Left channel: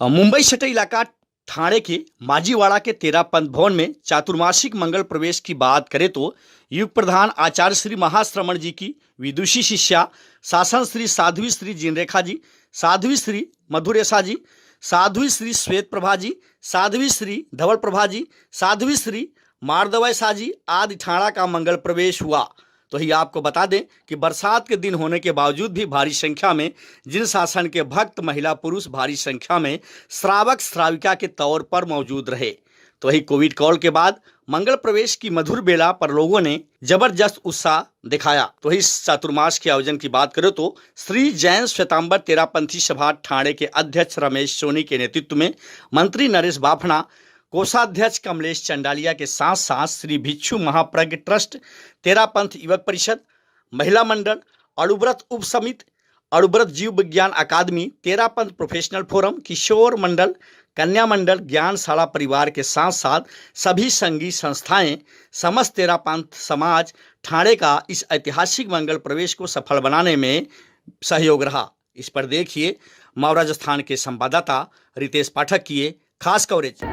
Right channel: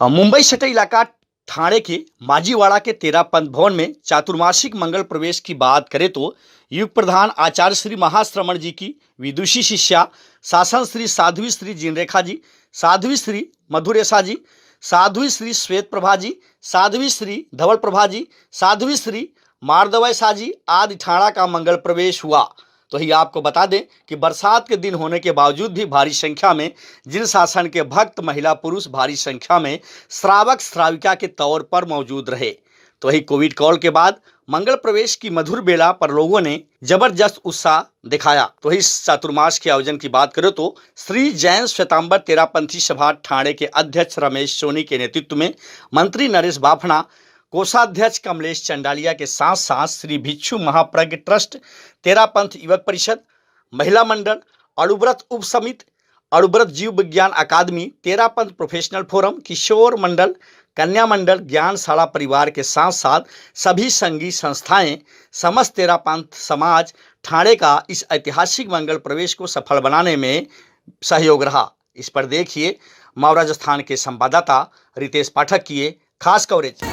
मुंबई सटे इलाका ठाणे के माजीवाड़ा के तेरापंथ भवन में चातुर्मासिक मंगल प्रवेश की बात करें तो युग प्रधान आचार्य श्री महाश्रमण जी की विदुषी शिष्या शासन श्री साध्वी श्री जिनरेखा जी, साध्वी श्री मधुरेशा जी, साध्वी श्री श्वेत प्रभा जी, साध्वी श्री धवल प्रभा जी, साध्वी श्री मार्दवय शाह जी आदि ठाणा का मंगल प्रवेश हुआ। तो ही आपको बता दें कि बरसात के दिन होने के बावजूद भी भारी संख्या में जिन शासन के भक्त महिला पुरुष भारी संख्या में श्रावक श्राविका के तौर पर मौजूद रहे। तो ही कोविड कॉल के बाद मंगल प्रवेश की मधुर बेला पर लोगों ने जबरदस्त उत्साह दिखाया। तो इस चातुर्मास के आयोजन की बात करें तो श्री जैन श्वेतांबर तेरापंथी सभा ठाणे के अध्यक्ष रमेश सोनी के नेतृत्व में मंत्री नरेश बाफना, कोषाध्यक्ष कमलेश चंडालिया के साथ साथ श्री भिक्षु महाप्रज्ञ ट्रस्ट, तेरापंथ युवक परिषद, महिला मंडल, अणुव्रत उप समिति, अणुव्रत जीव विज्ञान अकादमी, तेरापंथ प्रोफेशनल फोरम, किशोर मंडल, कन्या मंडल, ज्ञानशाला परिवार के साथ साथ सभी संघीय संस्थाएं, समस्त तेरापंथ समाज ठाणे का इस ऐतिहासिक मंगल प्रवेश को सफल बनाने में सहयोग रहा। इस पर देखिए माव राजस्थान के संवाददाता रितेश पाठक की ये खास कवरेज।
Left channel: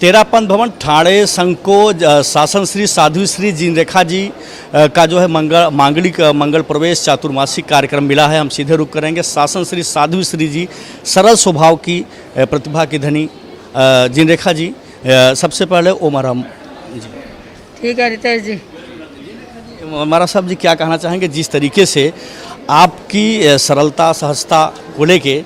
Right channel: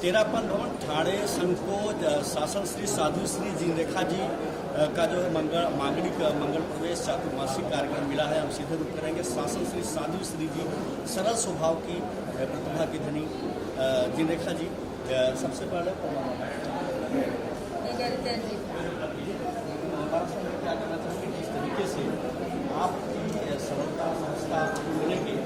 तेरापंथ भवन ठाणे संघ को शासन श्री साध्वी श्री जिनरेखा जी का जो है मांगलिक मंगल प्रवेश चातुर्मासिक कार्यक्रम मिला है। हम सीधे रुक करेंगे। शासन श्री साध्वी श्री जी सरल स्वभाव की प्रतिभा की धनी जिनरेखा जी, सबसे पहले ओमराम जी। ठीक है रितेश जी। हमारा साहब जी क्या कहना चाहेंगे जिस तरीके से आपकी सरलता सहजता को लेके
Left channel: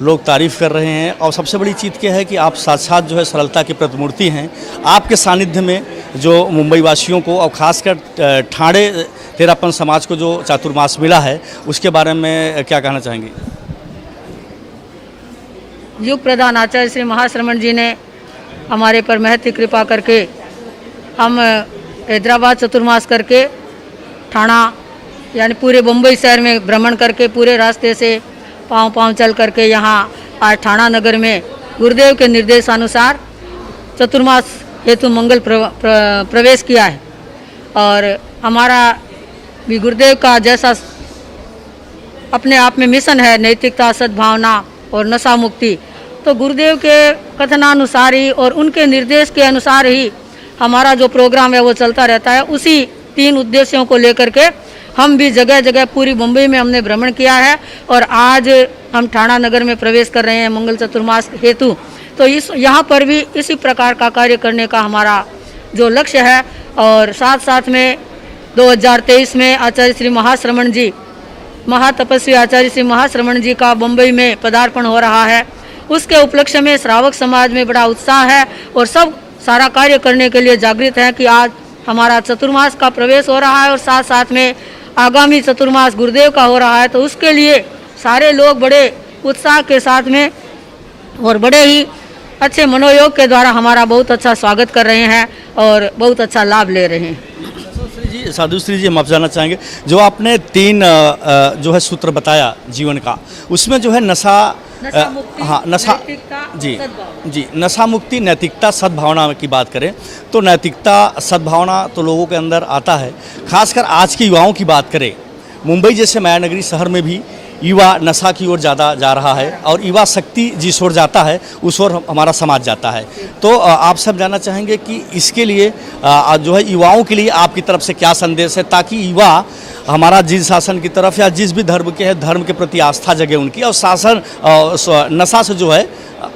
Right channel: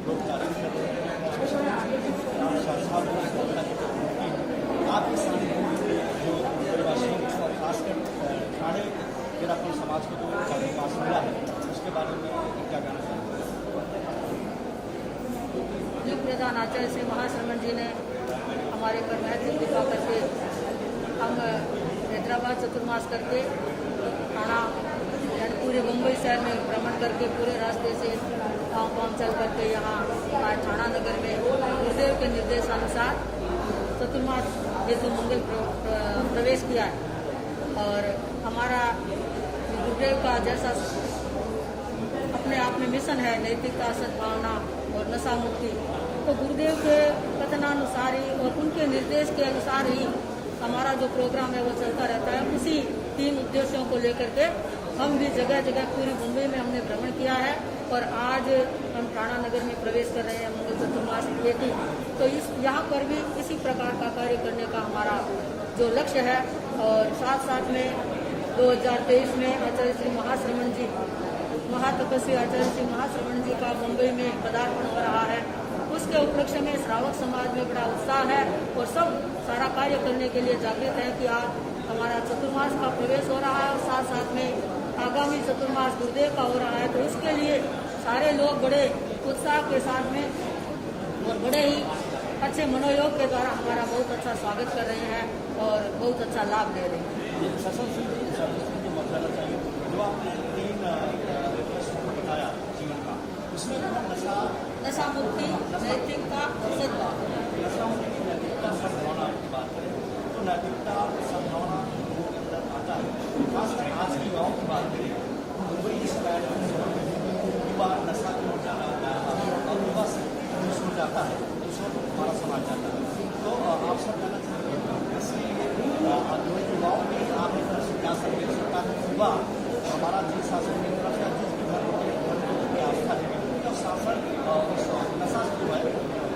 लोग तारीफ़ कर रहे हैं, और सबसे बड़ी चीज़ क्या है कि आप साथ साथ जो है सरलता की प्रतिमूर्ति हैं। आपके सानिध्य में जो मुंबई वासियों को और ख़ासकर ठाणे तेरापंथ समाज को जो चातुर्मास मिला है उसके बारे में क्या कहना चाहेंगे? युग प्रधान आचार्य श्री महाश्रमण जी ने हमारे पर महती कृपा करके हम हैदराबाद चतुर्मास करके ठाणा यानी पूरे मुंबई शहर में भ्रमण करके पूरे रास्ते से पाँव चल करके यहाँ आज ठाणा नगर में गुरुदेव के निर्देशानुसार चतुर्मास हेतु मंगल प्रवेश किया है। और हमारा भी गुरुदेव का जैसा अपने आप में मिशन है नैतिकता, सद्भावना और नशा मुक्ति, तो गुरुदेव के कथनानुसार ही और उनके निर्देश के अनुसार ही हमारा जो प्रोग्राम है वो चलता रहता है। उसी 3 उद्देश्यों को लेकर के हम भी जगह जगह पूरी मुंबई में हमने भ्रमण किया है और आज हम ठाणा नगर में प्रवेश कर रहे हैं मंगल चतुर्मास हेतु। तो इस यहाँ पर भी इसी प्रकार का कार्य करने का हमारा जो लक्ष्य है। और साथ साथ में 2023 में आचार्य श्री महाश्रमण जी, महातपस्वी आचार्य श्री महाश्रमण जी का मुंबई में पदार्पण हो रहा है। उसके उपलक्ष्य में श्रावक समाज में बड़ा उत्साह है और सब सारा कार्य करने के लिए जागृत है कि आज हमारा चतुर्मास का प्रवेश हो रहा है और साथ साथ में आगामी चतुर्मास गुरुदेव का हो रहा है। तो उसके लिए सारे लोग बड़े उत्साह के साथ में और बड़े ही अच्छे मनोयोग के द्वारा हमारा बहुत अच्छा स्वागत कर रहे हैं और बहुत अच्छा लाभ ले रहे हैं। साधु श्री जी, हम आप जानना चाहेंगे जो आपने 3 जो है सूत्र बताया जीवन का, उसमें जो है नशा नशा मुक्ति, नैतिकता, सद्भावना की बात करें तो नैतिकता, सद्भावना तो लोगों के अंदर आता है। खासकर आज के युवाओं की बात करें, मुंबई जैसे माया नगरी शहर में भी युवा नशा की ओर ज़्यादा जा रहा है और युवा शक्ति जिस ओर जाता है उस ओर हमारा समाज जाता है। तो आप सब जानना चाहेंगे कि इसके लिए जो है युवाओं के लिए आपकी तरफ से क्या संदेश है ताकि युवा हमारा जिस शासन की तरफ या जिस भी धर्म के है धर्म के प्रति आस्था जगे उनकी और शासन नशा से जो है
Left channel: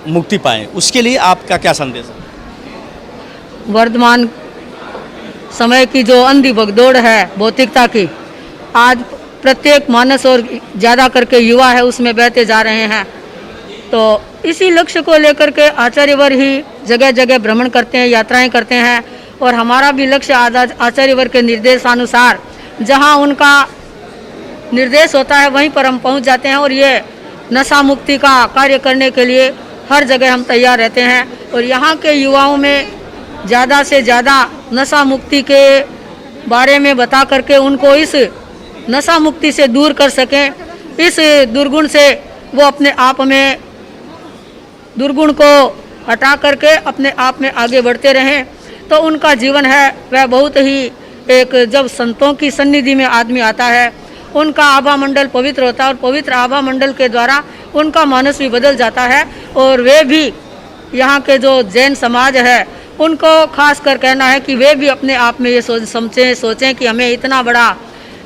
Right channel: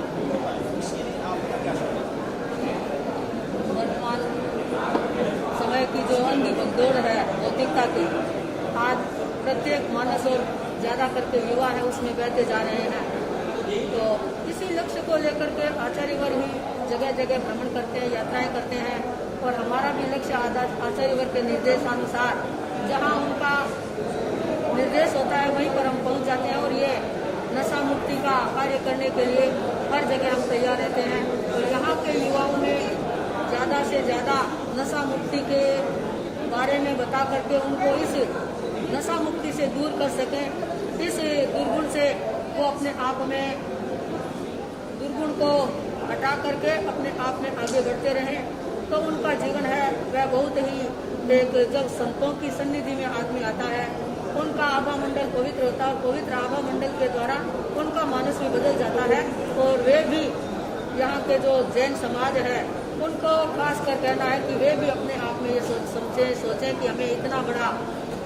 मुक्ति पाएँ, उसके लिए आपका क्या संदेश है? वर्तमान समय की जो अंधी भगदौड़ है भौतिकता की, आज प्रत्येक मानस और ज़्यादा करके युवा है उसमें बहते जा रहे हैं। तो इसी लक्ष्य को लेकर के आचार्यवर ही जगह जगह भ्रमण करते हैं, यात्राएं करते हैं और हमारा भी लक्ष्य आचार्यवर के निर्देशानुसार जहां उनका निर्देश होता है वहीं पर हम पहुंच जाते हैं और ये नशा मुक्ति का कार्य करने के लिए हर जगह हम तैयार रहते हैं। और यहाँ के युवाओं में ज़्यादा से ज़्यादा नशा मुक्ति के बारे में बता करके उनको इस नशा मुक्ति से दूर कर सकें, इस दुर्गुण से वो अपने आप में दुर्गुण को हटा करके अपने आप में आगे बढ़ते रहें। तो उनका जीवन है वह बहुत ही एक, जब संतों की सन्निधि में आदमी आता है उनका आभा मंडल पवित्र होता है और पवित्र आभा मंडल के द्वारा उनका मानस भी बदल जाता है। और वे भी यहाँ के जो जैन समाज है उनको खास कर कहना है कि वे भी अपने आप में ये सोचें कि हमें इतना बड़ा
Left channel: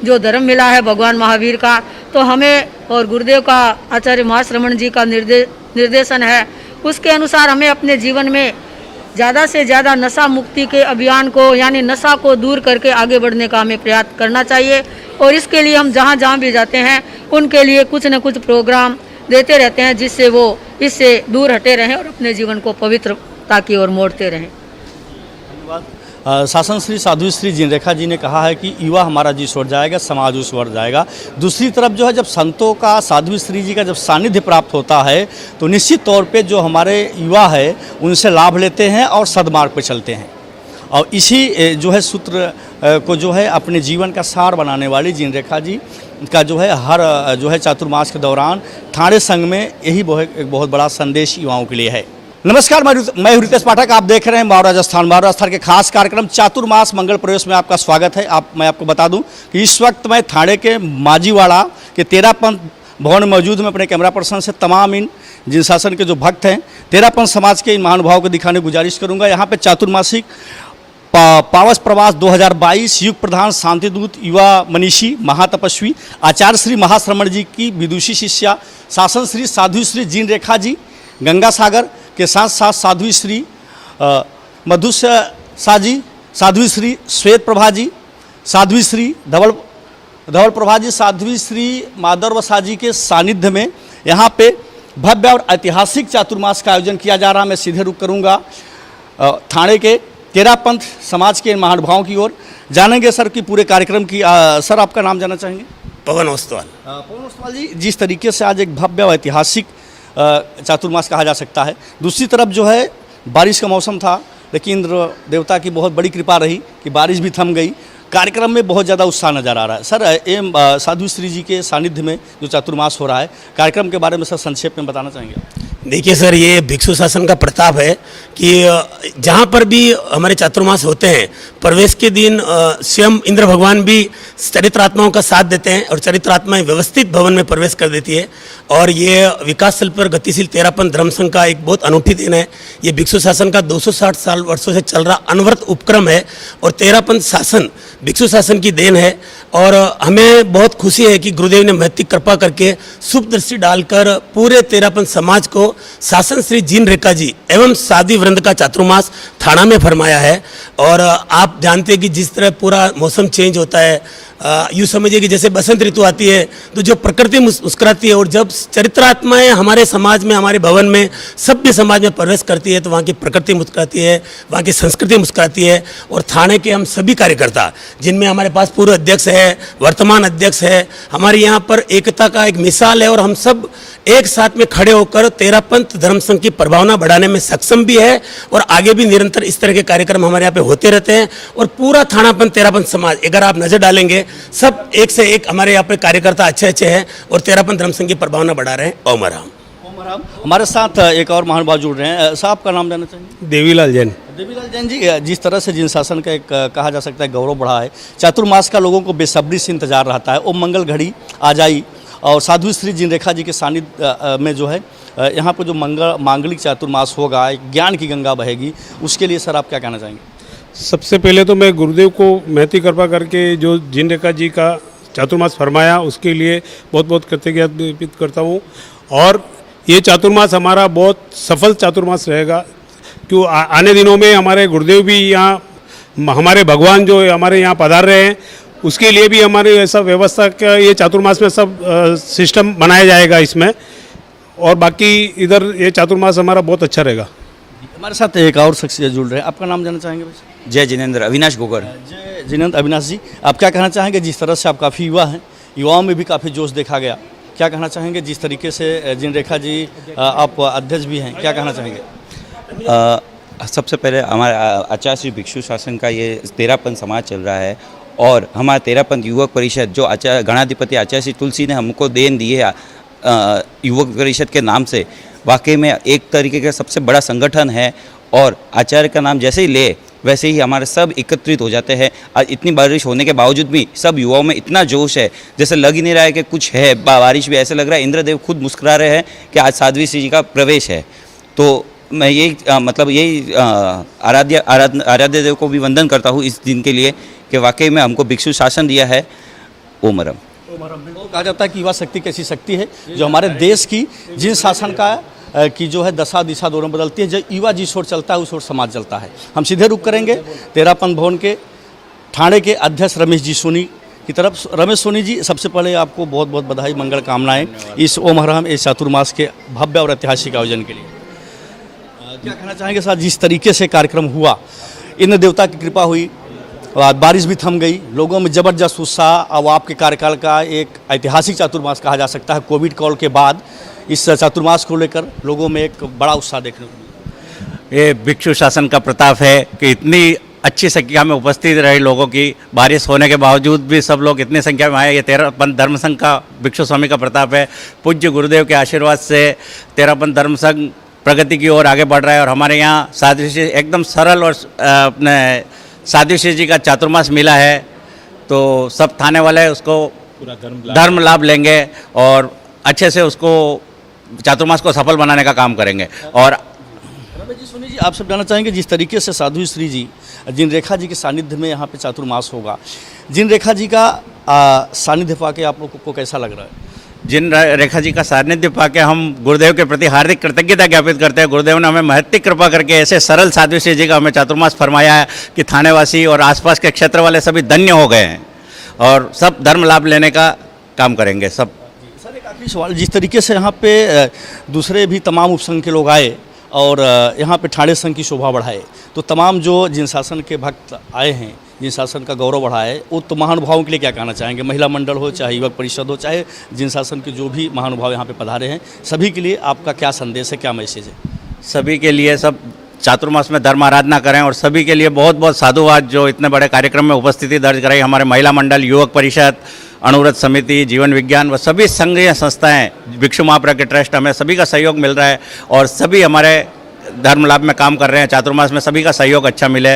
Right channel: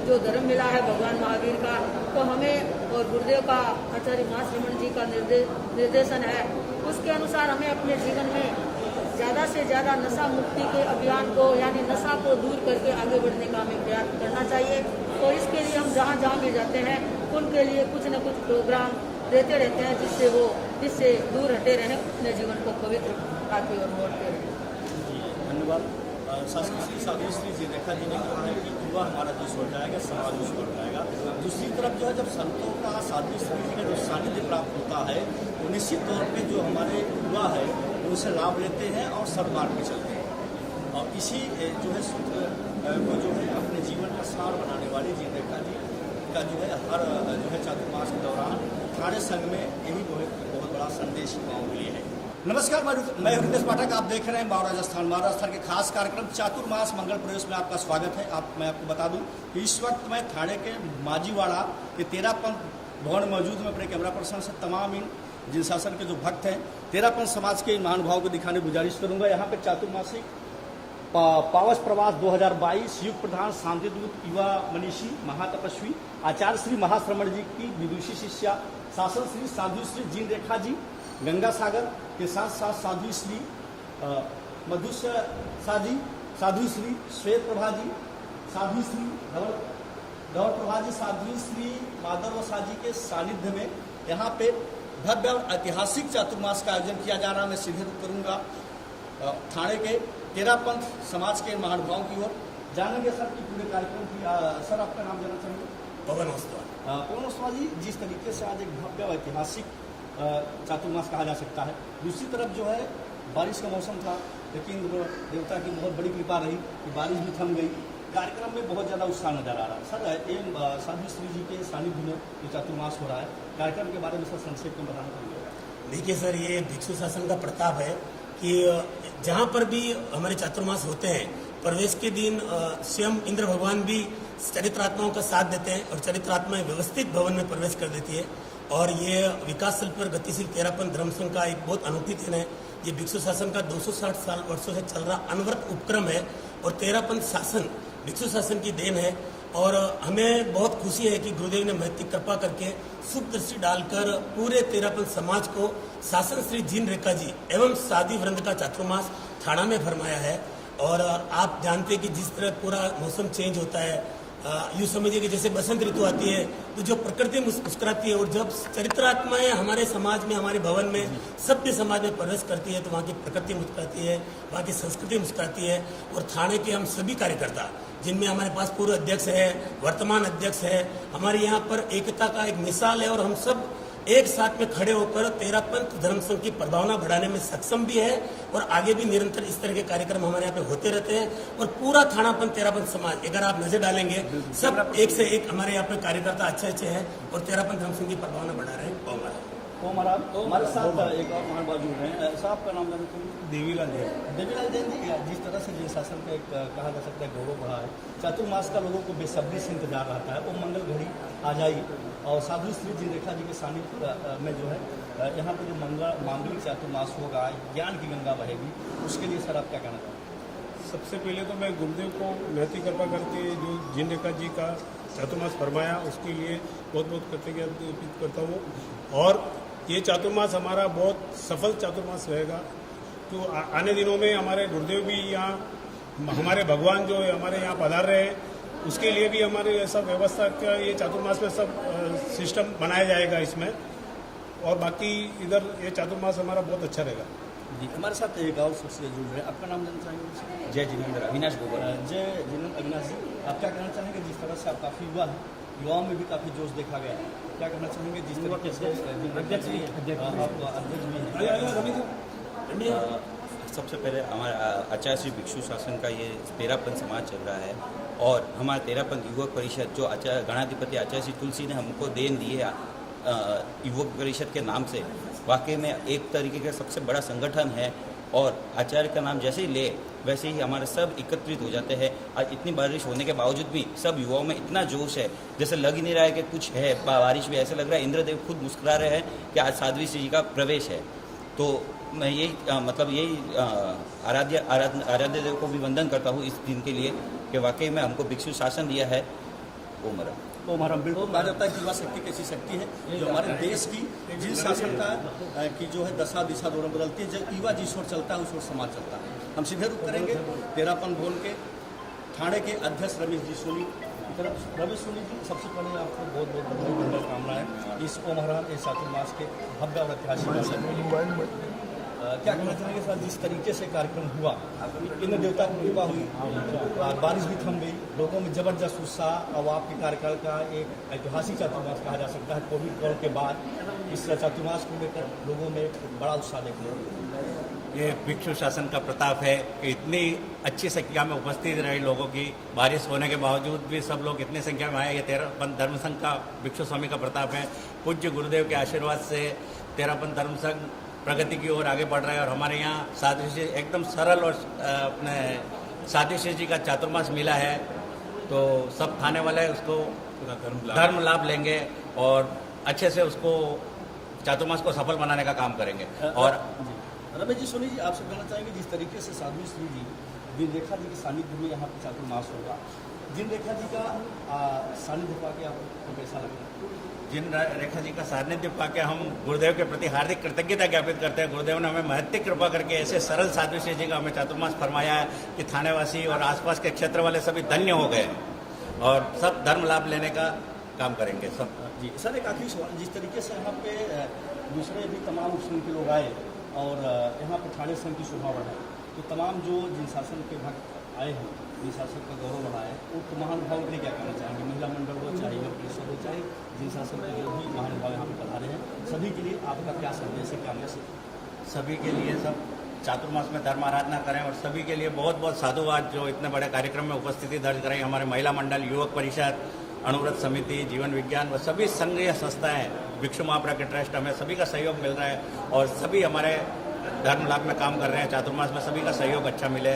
जो धर्म मिला है भगवान महावीर का, तो हमें और गुरुदेव का आचार्य महाश्रमण जी का निर्देशन है उसके अनुसार हमें अपने जीवन में ज़्यादा से ज़्यादा नशा मुक्ति के अभियान को यानी नशा को दूर करके आगे बढ़ने का हमें प्रयास करना चाहिए। और इसके लिए हम जहाँ जहाँ भी जाते हैं उनके लिए कुछ न कुछ प्रोग्राम देते रहते हैं जिससे वो इससे दूर हटे रहें और अपने जीवन को पवित्रता की ओर मोड़ते रहें। शासन श्री साधु श्री जिनरेखा जी ने कहा है कि युवा हमारा जी छोड़ जाएगा, समाज उस बढ़ जाएगा। दूसरी तरफ जो है जब संतों का, साधु श्री जी का जब सानिध्य प्राप्त होता है तो निश्चित तौर पे जो हमारे युवा है उनसे लाभ लेते हैं और सद्मार्ग पर चलते हैं। और इसी जो है सूत्र को जो है अपने जीवन का सार बनाने वाली जिनरेखा जी का जो है हर जो है चातुर्मास के दौरान ठाणे संघ में यही एक बहुत बड़ा संदेश युवाओं के लिए है। नमस्कार, मैं रितेश पाठक, आप देख रहे हैं माओ राजस्थान के खास कार्यक्रम चातुर्मास मंगल प्रवेश में आपका स्वागत है। मैं आपको बता दूं कि इस वक्त मैं ठाणे के माजीवाड़ा के तेरापंथ भवन में मौजूद हूं। अपने कैमरा पर्सन से तमाम इन जिन शासन के जो भक्त हैं तेरापंथ समाज के इन महानुभावों को दिखाने की गुजारिश करूंगा। यहाँ पे चातुर्मासिक पावस प्रवास 2022 युग प्रधान शांतिदूत युवा मनीषी महातपस्वी आचार्य श्री महाश्रमण जी की विदुषी शिष्या शासन श्री साधु श्री जिनरेखा जी गंगा सागर के साथ साथ साध्वी श्री मधुस्य शाह जी, साध्वी श्री श्वेत प्रभा जी, साध्वी श्री धवल प्रभा जी, साध्वी श्री माधव शाह जी के सानिध्य में यहाँ पे भव्य और ऐतिहासिक चातुर्मास का आयोजन किया जा रहा। मैं सीधे रुख करूँगा ठाणे के तेरापंथ समाज के महानुभावों की ओर, जानेंगे सर की पूरे कार्यक्रम की। सर आपका नाम जानना चाहेंगे? पवन ओस्तवाल। पवन ओस्तवाल जी, जिस तरीके से आज एक भव्य और ऐतिहासिक चातुर्मास कहा जा सकता है, दूसरी तरफ जो है बारिश का मौसम था लेकिन इंद्र देवता की बहुत बड़ी कृपा रही कि बारिश भी थम गई। कार्यक्रम में बहुत ज़्यादा उत्साह नज़र आ रहा है। सर साधु श्री जी के सानिध्य में जो चातुर्मास हो रहा है, कार्यक्रम के बारे में सर संक्षेप में बताना चाहेंगे? देखिए सर, ये भिक्षु शासन का प्रताप है कि जहाँ पर भी हमारे चातुर्मास होते हैं प्रवेश के दिन स्वयं इंद्र भगवान भी चरित्रात्माओं का साथ देते हैं और चरित्रात्माएं व्यवस्थित भवन में प्रवेश कर देती है। और ये विकासशील पर गतिशील तेरापंथ धर्म संघ का एक बहुत अनूठी दिन है। ये भिक्षु शासन का 260 वर्षों से चल रहा अनवरत उपक्रम है और तेरापंथ शासन भिक्षु शासन की देन है। और हमें बहुत खुशी है कि गुरुदेव ने महती कृपा करके शुभ दृष्टि डालकर पूरे तेरापंथ समाज को शासन श्री जिनरेखा जी एवं साधी वृंद का चातुर्मास थाना में फरमाया है। और आप जानते हैं कि जिस तरह पूरा मौसम चेंज होता है, यूँ समझिए कि जैसे बसंत ऋतु आती है तो जो प्रकृति मुस्कुराती है और जब चरित्रात्माएं हमारे समाज में, हमारे भवन में, सभ्य समाज में प्रवेश करती है तो वहाँ की प्रकृति मुस्कुराती है, वहाँ की संस्कृति मुस्कुराती है। और थाने के हम सभी कार्यकर्ता, जिनमें हमारे पास पूर्व अध्यक्ष है, वर्तमान अध्यक्ष है, हमारे यहाँ पर एकता का एक मिसाल है और हम सब एक साथ में खड़े होकर तेरापंथ धर्म संघ की प्रभावना बढ़ाने में सक्षम भी है। और आगे भी निरंतर इस तरह के कार्यक्रम हमारे यहाँ पे होते रहते हैं। और पूरा थानापंथ तेरापंथ समाज, अगर आप नजर डालेंगे, सब एक से एक हमारे यहाँ पे कार्यकर्ता अच्छे हैं और तेरापंथ धर्म संघ की प्रभावना बढ़ा रहे हैं। ओम राम। हमारे साथ एक और महानुभाव जुड़ रहे हैं। साहब का नाम जानना चाहेंगे? देवीलाल जैन। देवीलाल जैन जी, जिस तरह से जिन शासन का एक कहा जा सकता है गौरव बढ़ा है, चातुर्मास का लोगों को बेसब्री से इंतजार रहता है। ओम मंगल घड़ी आ जाई और साधु श्री जिनरेखा जी के सानिध्य में जो है यहाँ पर जो मांगलिक चातुर्मास होगा, एक ज्ञान की गंगा बहेगी, उसके लिए सर आप क्या कहना चाहेंगे? सबसे पहले तो मैं गुरुदेव को महती कृपा करके जो जिनरेखा जी का चातुर्मास फरमाया उसके लिए बहुत बहुत कृतज्ञता व्यक्त करता हूँ। और ये चातुर्मास हमारा बहुत सफल चातुर्मास रहेगा, क्यों आने दिनों में हमारे गुरुदेव भी यहाँ, हमारे भगवान जो हमारे यहाँ पधार रहे हैं, उसके लिए भी हमारे ऐसा व्यवस्था का ये चातुर्मास में सब सिस्टम बनाया जाएगा इसमें। और बाकी इधर ये चातुर्मास हमारा बहुत अच्छा रहेगा। हमारे साथ एक और शख्सियत जुड़ रहे हैं, आपका नाम जानना चाहेंगे? जय जिनेंद्र, अविनाश गोगर। जय जिनेंद्र, अविनाश जी, आप क्या कहना चाहेंगे? जिस तरह से आप काफ़ी युवा हैं, युवाओं में भी काफ़ी जोश देखा गया। क्या कहना चाहेंगे जिस तरीके से जिन रेखा जी आप अध्यक्ष भी हैं, क्या कहना चाहेंगे? सबसे पहले हमारा आचार्य श्री भिक्षु शासन का ये 13पन समाज चल रहा है और हमारा 13पन युवक परिषद जो आचार्य गणाधिपति आचार्य श्री तुलसी ने हमको देन दी है युवक परिषद के नाम से, वाकई में एक तरीके का सबसे बड़ा संगठन है। और आचार्य का नाम जैसे ही ले वैसे ही हमारे सब एकत्रित हो जाते हैं। आज इतनी बारिश होने के बावजूद भी सब युवाओं में इतना जोश है, जैसे लग ही नहीं रहा है कि कुछ है। बारिश भी ऐसे लग रहा है इंद्रदेव खुद मुस्कुरा रहे हैं कि आज साध्वी श्री जी का प्रवेश है। तो मैं यही मतलब यही आराध्य देव को भी वंदन करता हूँ इस दिन के लिए कि वाकई में हमको भिक्षु शासन दिया है। ओमरम बिल्कुल कहा जाता है कि युवा शक्ति कैसी शक्ति है जो हमारे देश की जिन शासन का की जो है दशा दिशा दोनों बदलती है। जब युवा जिस ओर चलता है उस ओर समाज चलता है। हम सीधे रुक करेंगे 13पन भवन के ठाणे के अध्यक्ष रमेश जी सोनी की तरफ। रमेश सोनी जी, सबसे पहले आपको बहुत बहुत बधाई, मंगल कामनाएं इस ओम हरम इस चातुर्मास के भव्य और ऐतिहासिक आयोजन के लिए। क्या कहना चाहेंगे साहब, जिस तरीके से कार्यक्रम हुआ, इंद्र देवता की कृपा हुई, बारिश भी थम गई, लोगों में ज़बरदस्त उत्साह। अब आपके कार्यकाल का एक ऐतिहासिक चातुर्मास कहा जा सकता है। कोविड काल के बाद इस चातुर्मास को लेकर लोगों में एक बड़ा उत्साह देखने को मिला। ये भिक्षु शासन का प्रताप है कि इतनी अच्छी संख्या में उपस्थित रहे लोगों की, बारिश होने के बावजूद भी सब लोग इतनी संख्या में आए। ये 13पन धर्म संघ का भिक्षु स्वामी का प्रताप है। पूज्य गुरुदेव के आशीर्वाद से 13पन धर्म संघ प्रगति की ओर आगे बढ़ रहा है। और हमारे यहाँ साध्वी श्री एकदम सरल और अपने साध्वी श्री जी का चातुर्मास मिला है, तो सब थाने वाले उसको धर्म लाभ लेंगे और अच्छे से उसको चातुर्मास को सफल बनाने का काम करेंगे। और रमेश जी सुनिए जी, आप सब जानना चाहेंगे जिस तरीके से साध्वी श्री जी जिन रेखा जी के सानिध्य में यहाँ पे चातुर्मास होगा, जिन रेखा जी का सानिध्य पाके आप लोगों को कैसा लग रहा है? जिन रेखा जी का सानिध्य पाके हम गुरुदेव के प्रति हार्दिक कृतज्ञता ज्ञापित करते हैं। गुरुदेव ने हमें महत्तिक कृपा करके ऐसे सरल साध्वी श्री जी का हमें चातुर्मास फरमाया है कि थानेवासी और आसपास के क्षेत्र वाले सभी धन्य हो गए हैं और सब धर्म लाभ लेने का काम करेंगे सब। सर, एक आखिरी सवाल, जिस तरीके से यहाँ पे दूसरे भी तमाम उपसंघ के लोग आए और यहाँ पे ठाणे संघ की शोभा बढ़ाए, तो तमाम जो जिन शासन के भक्त आए हैं, जिन शासन का गौरव बढ़ाए, वो तो महानुभावों के लिए क्या कहना चाहेंगे? महिला मंडल हो, चाहे युवक परिषद हो, चाहे जिन शासन के जो भी महानुभाव यहाँ पे पधारे हैं, सभी के लिए आपका क्या संदेश है, क्या मैसेज है? सभी के लिए सब चातुर्मास में धर्म आराधना करें और सभी के लिए बहुत बहुत साधुवाद जो इतने बड़े कार्यक्रम में उपस्थिति दर्ज कराई। हमारे महिला मंडल, युवक परिषद, अणुव्रत समिति, जीवन विज्ञान व सभी संघीय संस्थाएं, भिक्षु महाप्रज्ञ ट्रस्ट, हमें सभी का सहयोग मिल रहा है और सभी हमारे धर्म लाभ में काम कर रहे हैं। चातुर्मास में सभी का सहयोग अच्छा मिले,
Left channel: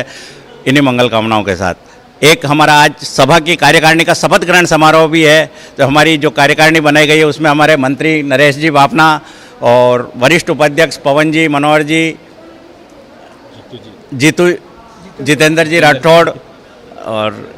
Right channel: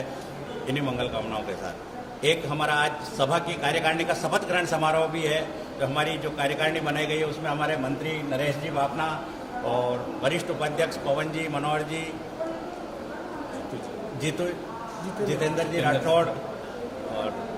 इन्हीं मंगल कामनाओं के साथ। एक हमारा आज सभा की कार्यकारिणी का शपथ ग्रहण समारोह भी है। तो हमारी जो कार्यकारिणी बनाई गई है उसमें हमारे मंत्री नरेश जी बाफना और वरिष्ठ उपाध्यक्ष पवन जी, मनोहर जी, जितेंद्र जी राठौड़ और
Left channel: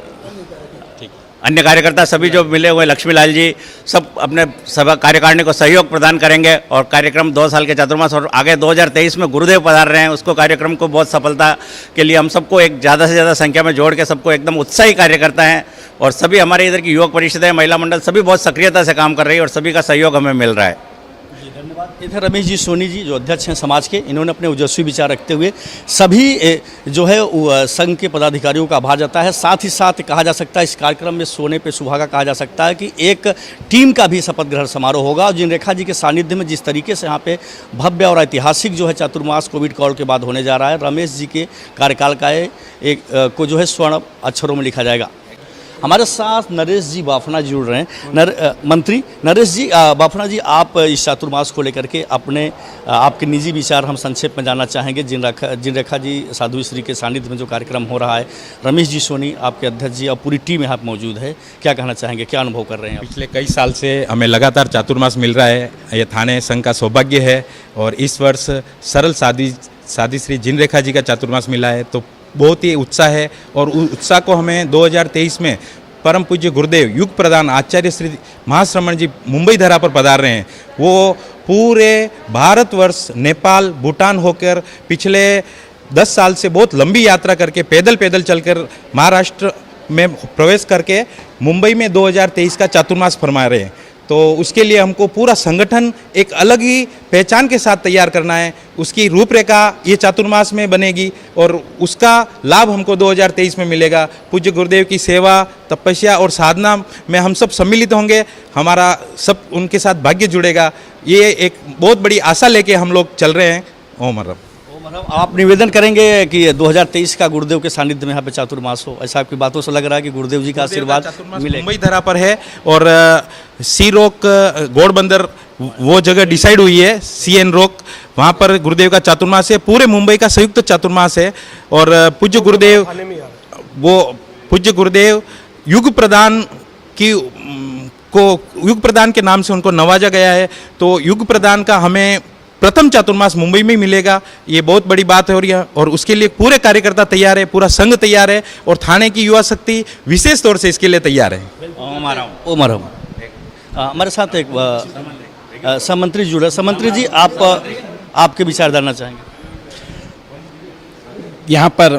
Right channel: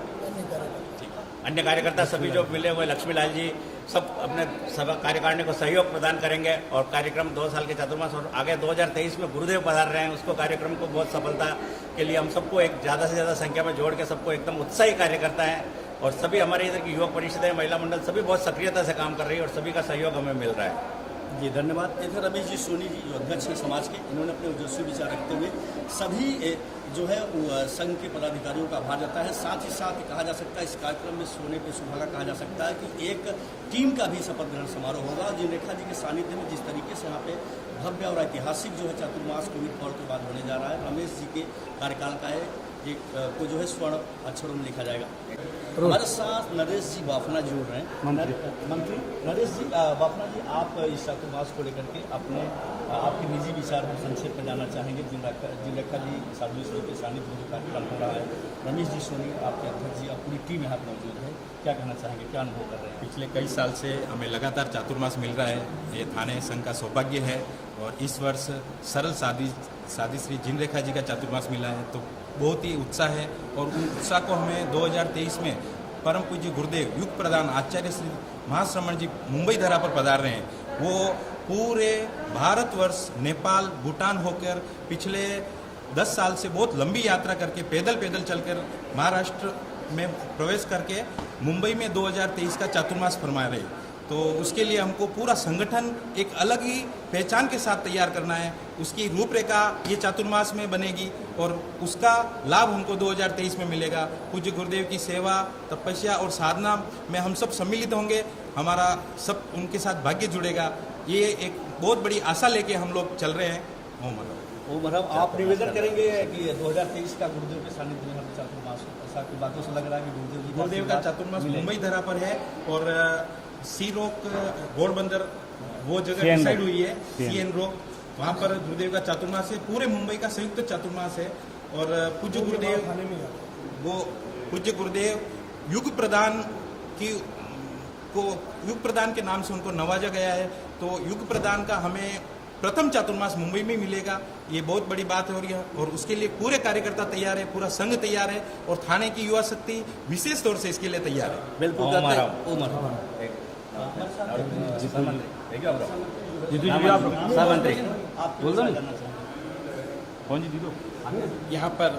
अन्य कार्यकर्ता सभी जो मिले हुए, लक्ष्मीलाल जी, सब अपने सभा कार्यकारिणी को सहयोग प्रदान करेंगे और कार्यक्रम 2 साल के चातुर्मास और आगे 2023 में गुरुदेव पधार रहे हैं, उसको कार्यक्रम को बहुत सफलता के लिए हम सबको एक ज़्यादा से ज़्यादा संख्या में जोड़ के सबको एकदम उत्साही कार्यकर्ता हैं और सभी हमारे इधर की युवक परिषद है, महिला मंडल, सभी बहुत सक्रियता से काम कर रही है और सभी का सहयोग हमें मिल रहा है। जी धन्यवाद। इधर रमेश जी सोनी जी जो अध्यक्ष हैं समाज के, इन्होंने अपने ओजस्वी विचार रखते हुए सभी जो है संघ के पदाधिकारियों का आभार जताया है। साथ ही साथ कहा जा सकता है इस कार्यक्रम में सोने पे सुहागा कहा जा सकता है कि एक टीम का भी शपथ ग्रहण समारोह होगा और जिन रेखा जी के सानिध्य में जिस तरीके से यहाँ पे भव्य और ऐतिहासिक जो है चातुर्मास कोविड काल के बाद होने जा रहा है, रमेश जी के कार्यकाल का एक को जो है स्वर्ण अक्षरों में लिखा जाएगा। हमारे साथ नरेश जी बाफना जुड़ रहे हैं। मंत्री नरेश जी बाफना जी, आप इस चातुर्मास को लेकर के आपके निजी विचार हम संक्षेप में जानना चाहेंगे। जिन रेखा जी साध्वी श्री के सानिध्य में जो कार्यक्रम हो रहा है, रमेश जी सोनी आपके अध्यक्ष जी और पूरी टीम यहाँ पर मौजूद है, क्या कहना चाहेंगे, क्या अनुभव कर रहे हैं? पिछले कई साल से हमें लगातार चातुर्मास मिल रहा है, ये थाने संघ का सौभाग्य है और इस वर्ष सरल साध्वी श्री जिन रेखा जी का चातुर्मास मिला है, तो बहुत ही उत्साह है और उस उत्साह को हमें 2023 में परम पूज्य गुरुदेव युग प्रधान आचार्य श्री महाश्रमण जी मुंबई धरा पर पधार रहे हैं। वो पूरे भारतवर्ष, नेपाल, भूटान होकर पिछले 10 साल से बहुत लंबी यात्रा करके पैदल चलकर महाराष्ट्र में प्रवेश करके मुंबई में 2023 का चातुर्मास फरमा रहे हैं। तो उसके लिए हमको पूरा संगठन एक अलग ही पहचान के साथ तैयार करना है। उसकी रूपरेखा ये चातुर्मास में बनेगी और उसका लाभ हमको 2023 में मिलेगा। पूज्य गुरुदेव की सेवा, तपस्या और साधना में हम सब सम्मिलित होंगे, हमारा सब उनके साथ भाग्य जुड़ेगा। ये एक बहुत बड़ी आशा लेके हम लोग चल रहे हैं। ओम हरम। आप निवेदन करेंगे कि 2023 का गुरुदेव के सानिध्य में यहाँ पे चातुर्मास हो, ऐसा आपकी बातों से लग रहा है कि गुरुदेव जी का आशीर्वाद मिले। मुंबई धरा पर है और सी रोक घोड़बंदर वो जगह डिसाइड हुई है, CN रोक, वहाँ पर गुरुदेव का चातुर्मास है। पूरे मुंबई का संयुक्त चातुर्मास है और पूज्य गुरुदेव युग प्रदान के नाम से उनको नवाजा गया है। तो युग प्रदान का हमें प्रथम चातुर्मास मुंबई में मिलेगा, ये बहुत बड़ी बात है। और उसके लिए पूरे कार्यकर्ता तैयार है, पूरा संघ तैयार है और थाने की युवा शक्ति विशेष तौर से इसके लिए तैयार है। हमारे साथ एक समंत्री जुड़ा। समंत्री जी, आपके विचार जानना चाहेंगे। यहाँ पर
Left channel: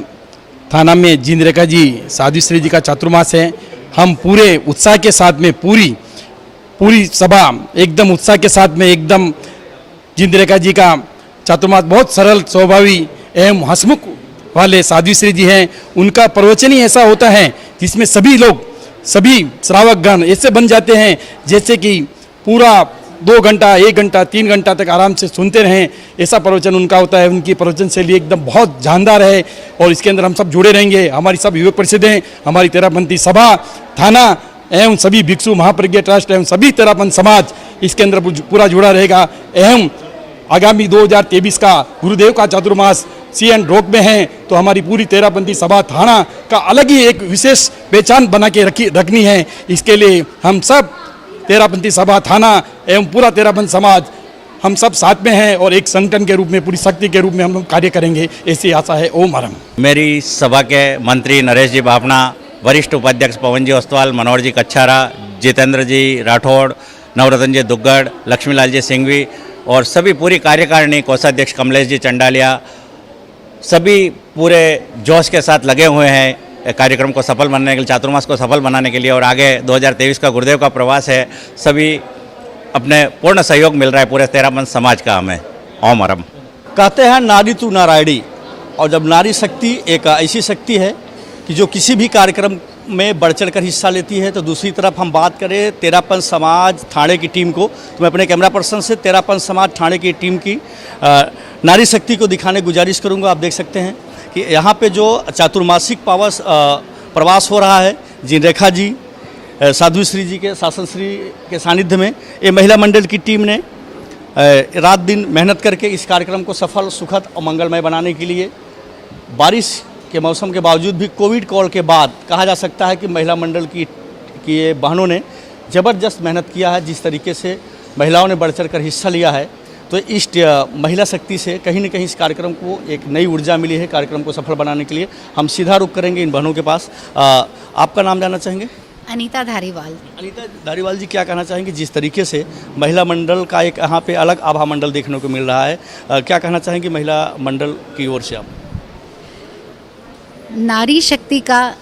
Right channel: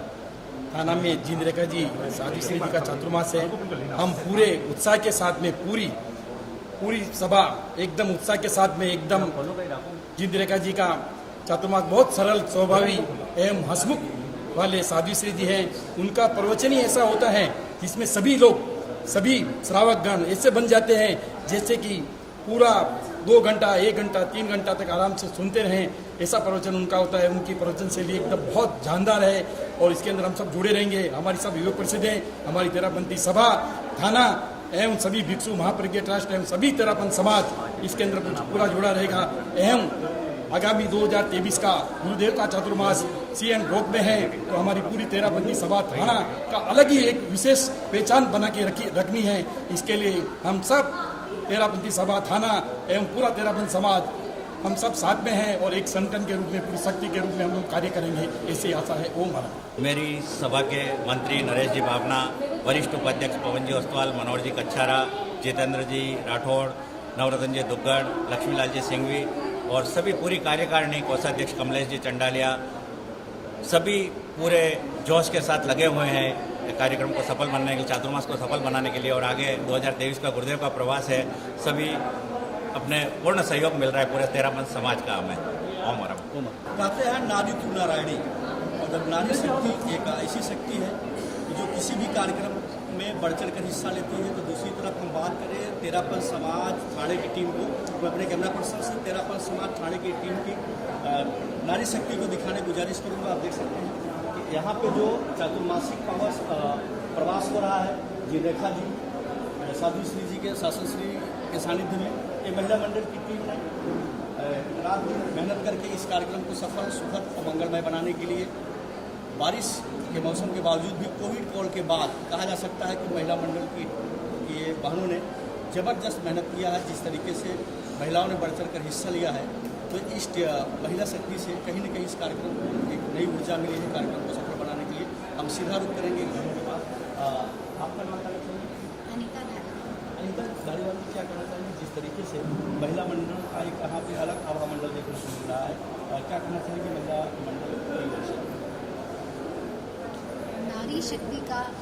थाना में जिनरेखा जी साध्वी जी का चातुर्मास है। हम पूरे उत्साह के साथ में पूरी सभा एकदम उत्साह के साथ में एकदम जिनरेखा जी का चातुर्मास बहुत सरल स्वभावी एवं हंसमुख वाले साध्वी जी हैं। उनका प्रवचन ही ऐसा होता है जिसमें सभी लोग, सभी श्रावकगण ऐसे बन जाते हैं जैसे कि पूरा 2 घंटा, 1 घंटा, 3 घंटा तक आराम से सुनते रहें, ऐसा प्रवचन उनका होता है। उनकी प्रवचन शैली एकदम बहुत जानदार है और इसके अंदर हम सब जुड़े रहेंगे। हमारी सब युवक परिषद हैं, हमारी तेरापंथी सभा, थाना एवं सभी भिक्षु महाप्रज्ञा ट्रस्ट एवं सभी तेरापंथ समाज इसके अंदर पूरा जुड़ा रहेगा। एवं आगामी 2023 का गुरुदेव का चातुर्मास CN रोक में है तो हमारी पूरी तेरापंथी सभा थाना का अलग ही एक विशेष पहचान बना के रखनी है। इसके लिए हम सब तेरापंथी सभा, थाना एवं पूरा तेरापंथ समाज हम सब साथ में हैं और एक संगठन के रूप में, पूरी शक्ति के रूप में हम लोग कार्य करेंगे, ऐसी आशा है। ओम हरम। मेरी सभा के मंत्री नरेश जी बापना, वरिष्ठ उपाध्यक्ष पवन जी ओस्तवाल, मनोहर जी कच्छारा, जितेंद्र जी राठौड़, नवरत्न जी दुग्गड़, लक्ष्मीलाल जी सिंघवी और सभी पूरी कार्यकारिणी, कोषाध्यक्ष कमलेश जी चंडालिया, सभी पूरे जोश के साथ लगे हुए हैं कार्यक्रम को सफल बनाने के लिए, चातुर्मास को सफल बनाने के लिए। और आगे 2023 का गुरुदेव का प्रवास है, सभी अपने पूर्ण सहयोग मिल रहा है पूरे तेरापंथ समाज का हमें। ओम हरम। कहते हैं नारी तू नारायणी, और जब नारी शक्ति एक ऐसी शक्ति है कि जो किसी भी कार्यक्रम में बढ़ चढ़ कर हिस्सा लेती है। तो दूसरी तरफ हम बात करें तेरापंथ समाज थाने की टीम को, तो मैं अपने कैमरा पर्सन से तेरापंथ समाज थाने की टीम की नारी शक्ति को दिखाने की गुजारिश करूंगा। आप देख सकते हैं कि यहाँ पे जो चातुर्मासिक प्रवास हो रहा है, जिनरेखा जी साध्वी जी के शासन श्री के सानिध्य में, ये महिला मंडल की टीम ने रात दिन मेहनत करके इस कार्यक्रम को सफल, सुखद और मंगलमय बनाने के लिए, बारिश के मौसम के बावजूद भी, कोविड कॉल के बाद कहा जा सकता है कि महिला मंडल की ये बहनों ने ज़बरदस्त मेहनत किया है। जिस तरीके से महिलाओं ने बढ़ चढ़ कर हिस्सा लिया है, तो इस महिला शक्ति से कहीं न कहीं इस कार्यक्रम को एक नई ऊर्जा मिली है कार्यक्रम को सफल बनाने के लिए। हम सीधा रुख करेंगे इन बहनों के पास। आपका नाम जानना चाहेंगे? अनीता धारीवाल। अनीता धारीवाल जी, क्या कहना चाहेंगे जिस तरीके से महिला मंडल का एक यहाँ पे अलग आभा मंडल देखने को मिल रहा है, क्या कहना चाहेंगे महिला मंडल की ओर से आप? नारी शक्ति का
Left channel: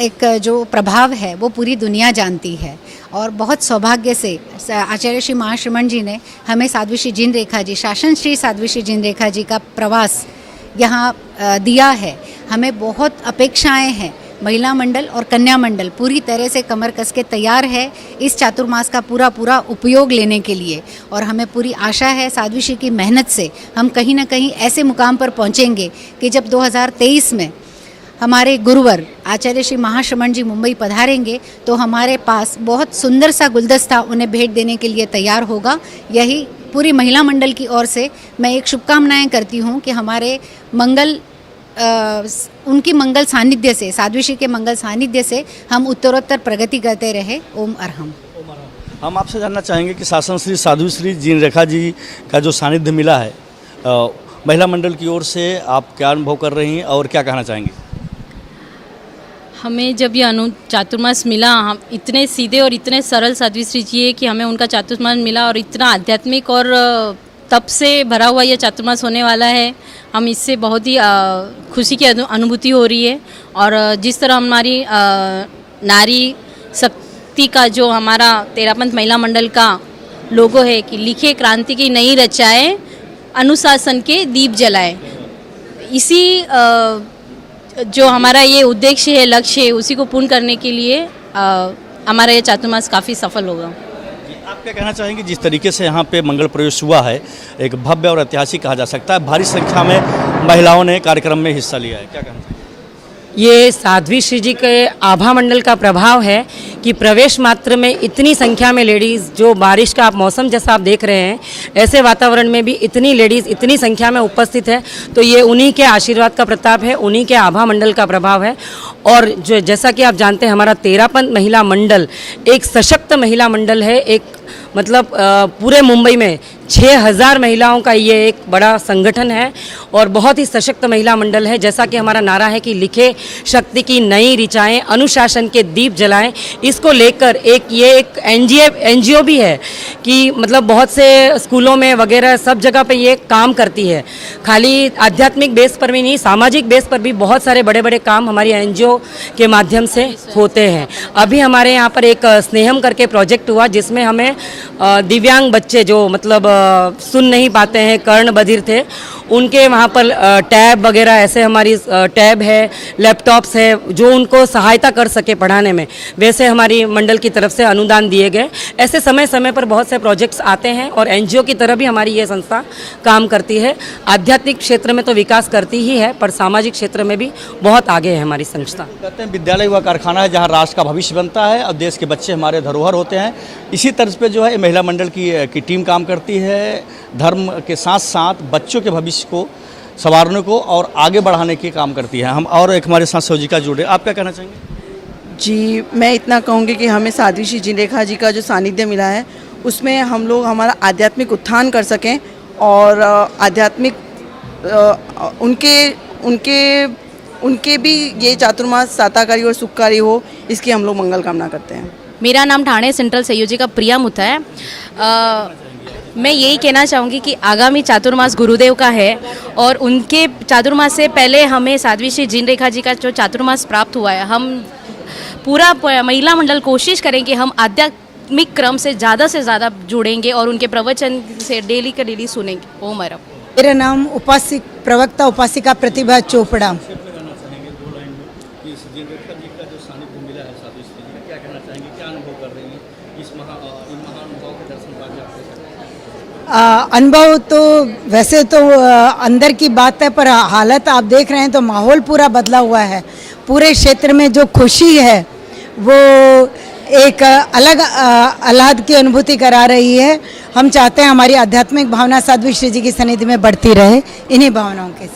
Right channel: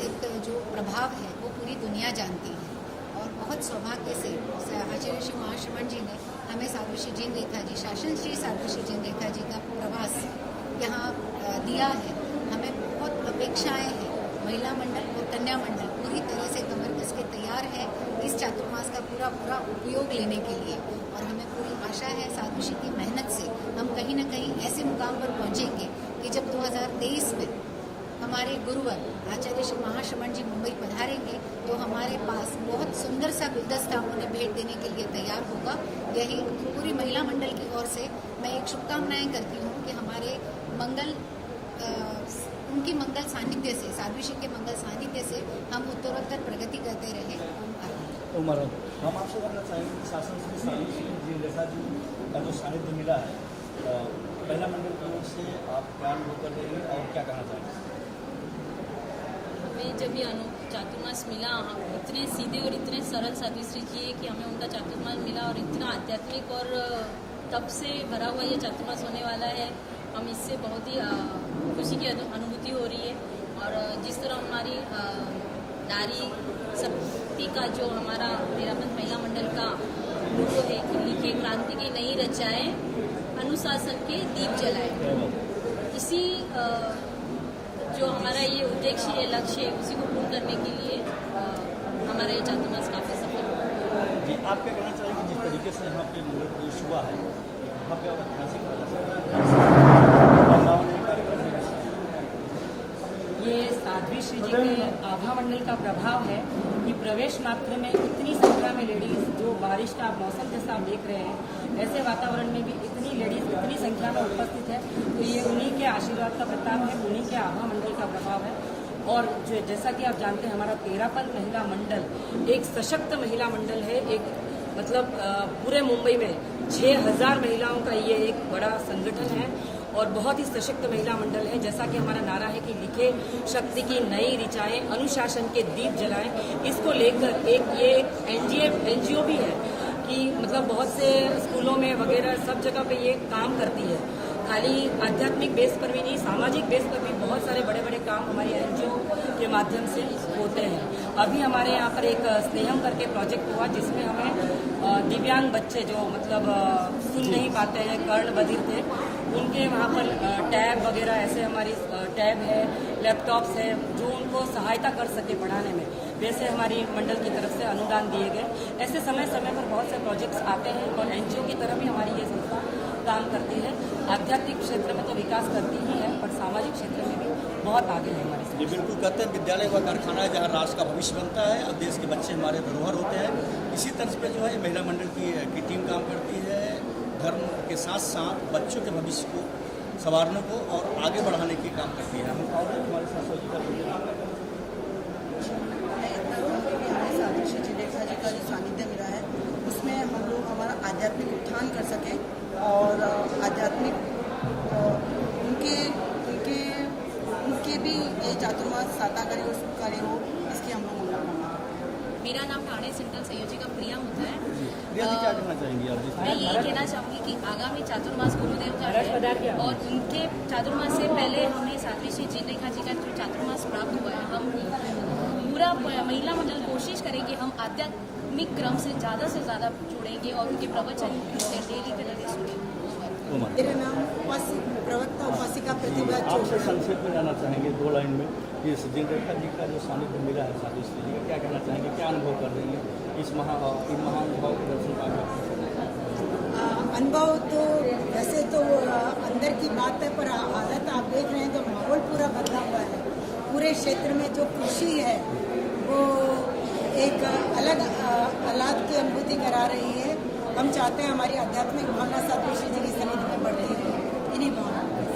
एक जो प्रभाव है वो पूरी दुनिया जानती है और बहुत सौभाग्य से आचार्य श्री महाश्रमण जी ने हमें साध्वी श्री जिनरेखा जी, शासन श्री साध्वी श्री जिनरेखा जी का प्रवास यहाँ दिया है। हमें बहुत अपेक्षाएं हैं। महिला मंडल और कन्या मंडल पूरी तरह से कमर कस के तैयार है इस चातुर्मास का पूरा उपयोग लेने के लिए और हमें पूरी आशा है साध्वी श्री की मेहनत से हम कहीं ना कहीं ऐसे मुकाम पर पहुँचेंगे कि जब 2023 में हमारे गुरुवर आचार्य श्री महाश्रमण जी मुंबई पधारेंगे तो हमारे पास बहुत सुंदर सा गुलदस्ता उन्हें भेंट देने के लिए तैयार होगा। यही पूरी महिला मंडल की ओर से मैं एक शुभकामनाएं करती हूं कि हमारे उनकी मंगल सानिध्य से, साध्वी श्री के मंगल सानिध्य से हम उत्तरोत्तर प्रगति करते रहे। ओम अरहम। ओम अरहम। हम आपसे जानना चाहेंगे कि शासन श्री साध्वी श्री जिनरेखा जी का जो सानिध्य मिला है महिला मंडल की ओर से, आप क्या अनुभव कर रही हैं और क्या कहना चाहेंगे? हमें जब ये चातुर्मास मिला, हम इतने सीधे और इतने सरल साध्वी श्री जी है कि हमें उनका चातुर्मास मिला और इतना आध्यात्मिक और तप से भरा हुआ ये चातुर्मास होने वाला है। हम इससे बहुत ही खुशी की अनुभूति हो रही है और जिस तरह हमारी नारी शक्ति का जो हमारा तेरापंथ महिला मंडल का लोगो है कि लिखे क्रांति की नई रचाए, अनुशासन के दीप जलाए, इसी जो हमारा ये उद्देश्य है, लक्ष्य है, उसी को पूर्ण करने के लिए हमारा ये चातुर्मास काफ़ी सफल होगा। आप क्या कहना चाहेंगे, जिस तरीके से यहाँ पे मंगल प्रवेश हुआ है, एक भव्य और ऐतिहासिक कहा जा सकता है, भारी संख्या में महिलाओं ने कार्यक्रम में हिस्सा लिया है, क्या कहना चाहेंगे? ये साध्वी श्री जी के आभा मंडल का प्रभाव है कि प्रवेश मात्र में इतनी संख्या में लेडीज़, जो बारिश का आप मौसम जैसा आप देख रहे हैं, ऐसे वातावरण में भी इतनी लेडीज़ इतनी संख्या में उपस्थित है, तो ये उन्हीं के आशीर्वाद का प्रताप है, उन्हीं के आभा मंडल का प्रभाव है। और जो जैसा कि आप जानते हैं, हमारा तेरापंथ महिला मंडल एक सशक्त महिला मंडल है। एक मतलब पूरे मुंबई में 6000 महिलाओं का ये एक बड़ा संगठन है और बहुत ही सशक्त महिला मंडल है। जैसा कि हमारा नारा है कि लिखे शक्ति की नई ऋचाएं, अनुशासन के दीप जलाएं, इसको लेकर ये एक एनजीओ भी है कि मतलब बहुत से स्कूलों में वगैरह सब जगह पे ये काम करती है। खाली आध्यात्मिक बेस पर भी नहीं, सामाजिक बेस पर भी बहुत सारे बड़े बड़े काम हमारी एनजीओ के माध्यम से होते हैं। अभी हमारे यहाँ पर एक स्नेहम करके प्रोजेक्ट हुआ, जिसमें हमें दिव्यांग बच्चे जो मतलब सुन नहीं पाते हैं, कर्ण बधिर थे, उनके वहाँ पर टैब वगैरह, ऐसे हमारी टैब है, लैपटॉप्स है, जो उनको सहायता कर सके पढ़ाने में, वैसे हमारी मंडल की तरफ से अनुदान दिए गए। ऐसे समय समय पर बहुत से प्रोजेक्ट्स आते हैं और एनजीओ की तरह भी हमारी ये संस्था काम करती है। आध्यात्मिक क्षेत्र में तो विकास करती ही है, पर सामाजिक क्षेत्र में भी बहुत आगे है हमारी संस्था। कहते हैं विद्यालय हुआ कारखाना है जहाँ राष्ट्र का भविष्य बनता है और देश के बच्चे हमारे धरोहर होते हैं। इसी तर्ज पे जो है महिला मंडल की टीम काम करती है, धर्म के साथ साथ बच्चों के भविष्य को संवारने को और आगे बढ़ाने की काम करती है। हम और एक हमारे साथ सौजिका जुड़े, आप क्या कहना चाहेंगे? जी, मैं इतना कहूँगी कि हमें साध्वी श्री जिनरेखा जी का जो सानिध्य मिला है, उसमें हम लोग हमारा आध्यात्मिक उत्थान कर सकें और आध्यात्मिक उनके भी ये चातुर्मास साताकारी और सुखकारी हो, इसकी हम लोग मंगल कामना करते हैं। मेरा नाम ठाणे सेंट्रल संयोजिका प्रिया मुथा है। मैं यही कहना चाहूँगी कि आगामी चातुर्मास गुरुदेव का है और उनके चातुर्मास से पहले हमें साध्वी श्री जिनरेखा जी का जो चातुर्मास प्राप्त हुआ है, हम पूरा महिला मंडल कोशिश करेंगे, हम आध्यात्मिक क्रम से ज़्यादा जुड़ेंगे और उनके प्रवचन से डेली का डेली सुनेंगे। ओम हरम। मेरा नाम प्रवक्ता उपासिका प्रतिभा चोपड़ा। क्या कहना चाहेंगे, क्या अनुभव कर रही हैं इस महानुभाव के दर्शन पाकर? अनुभव तो वैसे तो अंदर की बात है, पर हालत आप देख रहे हैं तो माहौल पूरा बदला हुआ है। पूरे क्षेत्र में जो खुशी है वो एक अलग आह्लाद की अनुभूति करा रही है। हम चाहते हैं हमारी आध्यात्मिक भावना साध्वी श्री जी की सन्निधि में बढ़ती रहे, इन्हीं भावनाओं के